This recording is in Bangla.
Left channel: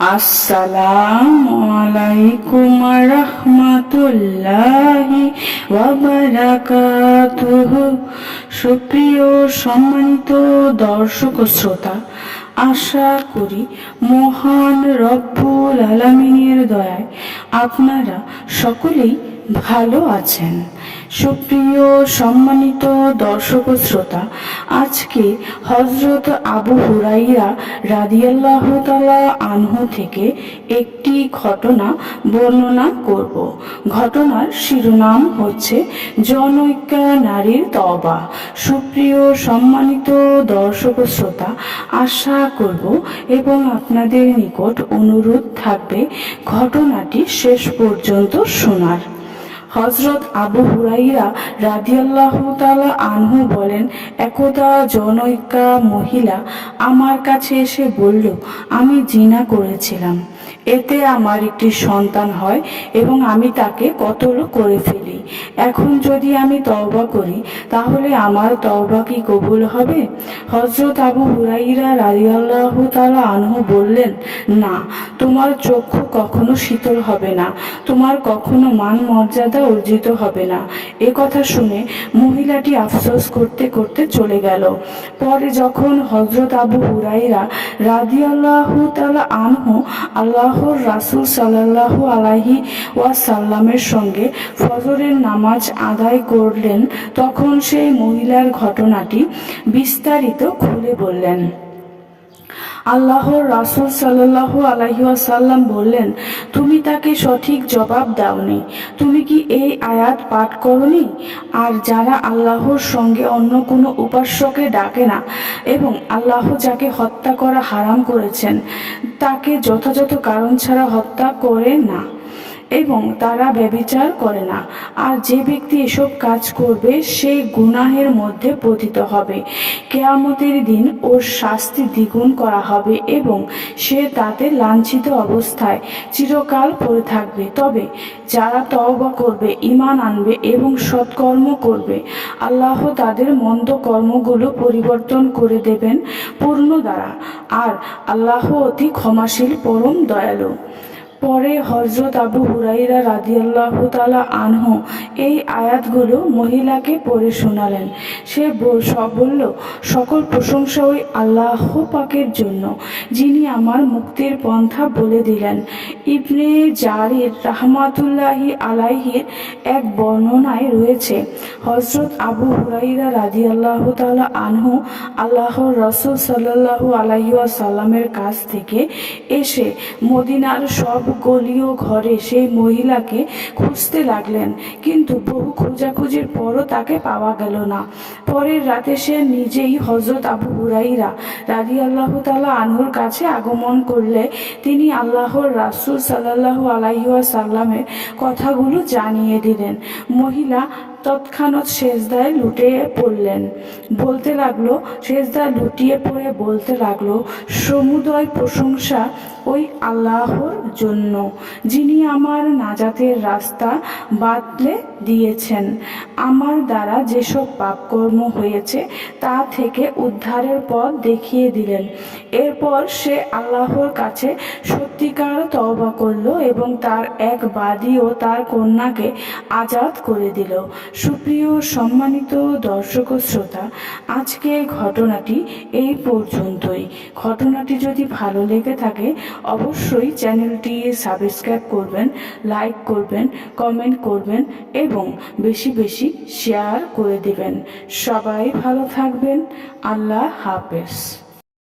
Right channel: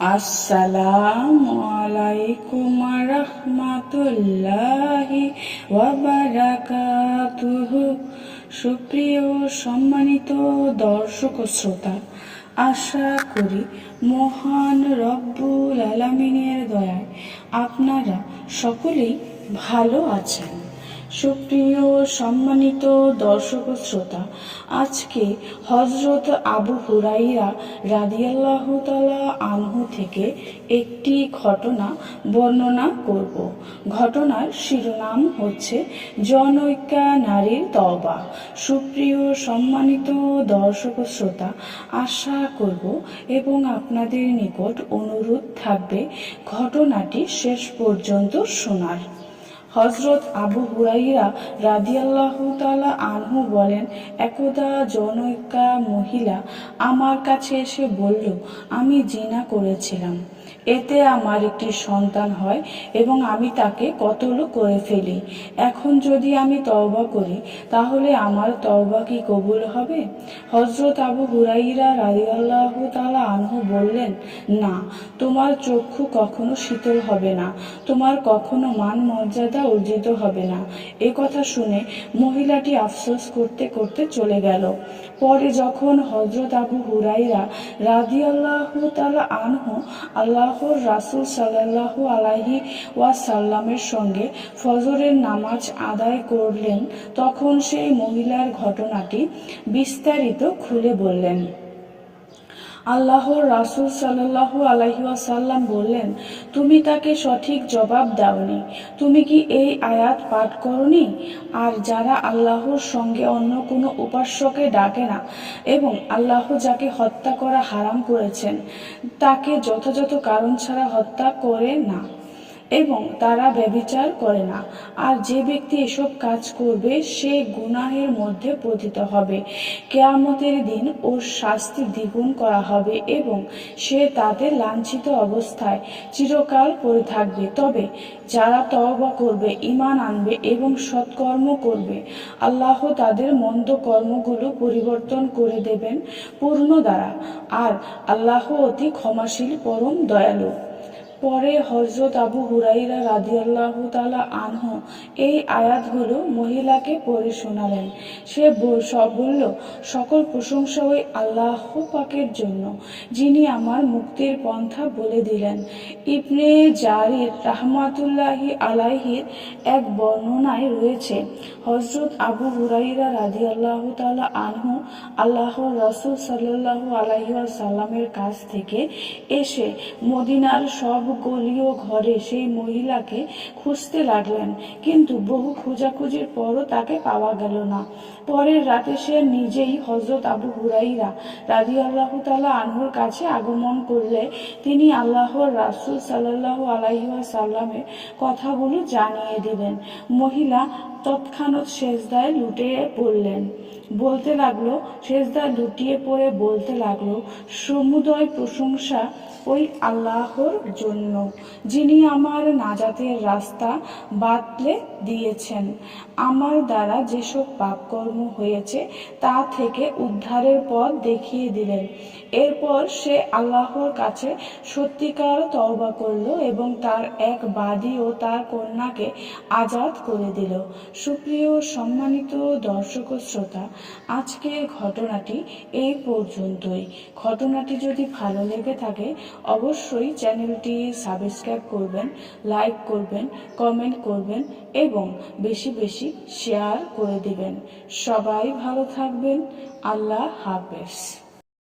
আসসালামু আলাইকুম রহমাতুল্লাহি ওয়া বারাকাতুহু। সুপ্রিয় সম্মানিত দর্শক ও শ্রোতা, আশা করি মহান রব্বুল আলামিনের দয়ায় আপনারা সকলেই ভালো আছেন। সুপ্রিয় সম্মানিত দর্শক ও শ্রোতা, আজকে হযরত আবু হুরাইরা রাদিয়াল্লাহু তাআলা আনহু থেকে একটি ঘটনা বর্ণনা করব। ঘটনার শিরোনাম হচ্ছে জনৈকা নারীর তওবা। সুপ্রিয় সম্মানিত দর্শক ও শ্রোতা, আশা করব এবং আপনাদের নিকট অনুরোধ থাকবে ঘটনাটি শেষ পর্যন্ত শোনার। হযরত আবু হুরাইরা রাদিয়াল্লাহু তাআলা আনহু বলেন, একদা জনৈকা মহিলা আমার কাছে এসে বলল, আমি জিনা করেছিলাম, এতে আমার একটি সন্তান হয় এবং আমি তাকে কতল করে ফেলি। এখন যদি আমি তওবা করি তাহলে আমার তওবা কি কবুল হবে? হযরত আবু হুরাইরা রাদিয়াল্লাহু তাআলা আনহু বললেন, না, তোমার চক্ষু কখনো শীতল হবে না, তোমার কখনো মান মর্যাদা অর্জিত হবে না। এ কথা শুনে মহিলাটি আফসোস করতে করতে চলে গেল। পরে যখন হযরত আবু হুরাইরা রাদিয়াল্লাহু তাআলা আনহু আল্লাহর রাসূল সাল্লাল্লাহু আলাইহি ওয়াসাল্লামের সঙ্গে ফজরের নামাজ আদায় করলেন, তখন সেই মহিলার ঘটনাটি বিস্তারিত খুলে বললেন। আল্লাহর রাসূল সাল্লাল্লাহু আলাইহি ওয়াসাল্লাম বললেন, তুমি তাকে সঠিক জবাব দাওনি। তুমি কি এই আয়াত পাঠ করনি? আর যারা আল্লাহর সঙ্গে অন্য কোনো উপাস্যকে ডাকে না এবং আল্লাহ যাকে হত্যা করা হারাম করেছেন তাকে যথাযথ কারণ ছাড়া হত্যা করে না এবং তারা ব্যভিচার করে না, আর যে ব্যক্তি এসব কাজ করবে সে গুনাহের মধ্যে পতিত হবে। কিয়ামতের দিন ওর শাস্তি দ্বিগুণ করা হবে এবং সে তাতে লাঞ্ছিত অবস্থায় চিরকাল পড়ে থাকবে। তবে যারা তওবা করবে, ঈমান আনবে এবং সৎকর্ম করবে, আল্লাহ তাদের মন্দ কর্মগুলো পরিবর্তন করে দেবেন পূর্ণ দ্বারা, আর আল্লাহ অতি ক্ষমাশীল, পরম দয়ালু। পরে হযরত আবু হুরাইরা রাদিয়াল্লাহু তাআলা আনহু এই আয়াতগুলো মহিলাকে পড়ে শোনালেন। সে বলল, সকল প্রশংসা ওই আল্লাহ পাকের জন্য, যিনি আমার মুক্তির পন্থা বলে দিলেন। ইবনে জারির রাহমাতুল্লাহি আলাইহির এক বর্ণনায় রয়েছে, হযরত আবু হুরাইরা রাদিয়াল্লাহু তাআলা আনহু আল্লাহর রাসূল সাল্লাল্লাহু আলাইহি ওয়াসাল্লামের কাছ থেকে এসে মদিনার সব গলি ও ঘরে সেই মহিলাকে খুঁজতে লাগলেন, কিন্তু বহু খোঁজাখুঁজির পরও তাকে পাওয়া গেল না। পরের রাতে সে নিজেই হযরত আবু হুরাইরা রাদিয়াল্লাহু তাআলা আনহুর কাছে আগমন করলে তিনি আল্লাহর রাসূল সাল্লাল্লাহু আলাইহি ওয়াসাল্লামের কথাগুলো জানিয়ে দিলেন। মহিলা তৎক্ষণাৎ সেজদায় লুটিয়ে পড়লেন, বলতে লাগলো, সেজদায় লুটিয়ে পড়ে বলতে লাগলো, সমুদয় প্রশংসা ওই আল্লাহর জন্য, যিনি আমার নাজাতের রাস্তা বাতলে দিয়েছেন, আমার দ্বারা যেসব পাপকর্ম হয়েছে তা থেকে উদ্ধারের পথ দেখিয়ে দিলেন। এরপর সে আল্লাহর কাছে সত্যিকার তওবা করল এবং তার এক বাদী ও তার কন্যাকে আজাদ করে দিল। সুপ্রিয় সম্মানিত দর্শক ও শ্রোতা, আজকের ঘটনাটি এই পর্যন্তই। ঘটনাটি যদি ভালো লেগে থাকে অবশ্যই চ্যানেলটি সাবস্ক্রাইব করবেন, লাইক করবেন, কমেন্ট করবেন এবং বেশি বেশি শেয়ার করে দেবেন। সবাই ভালো থাকবেন। আল্লাহ হাফেজ।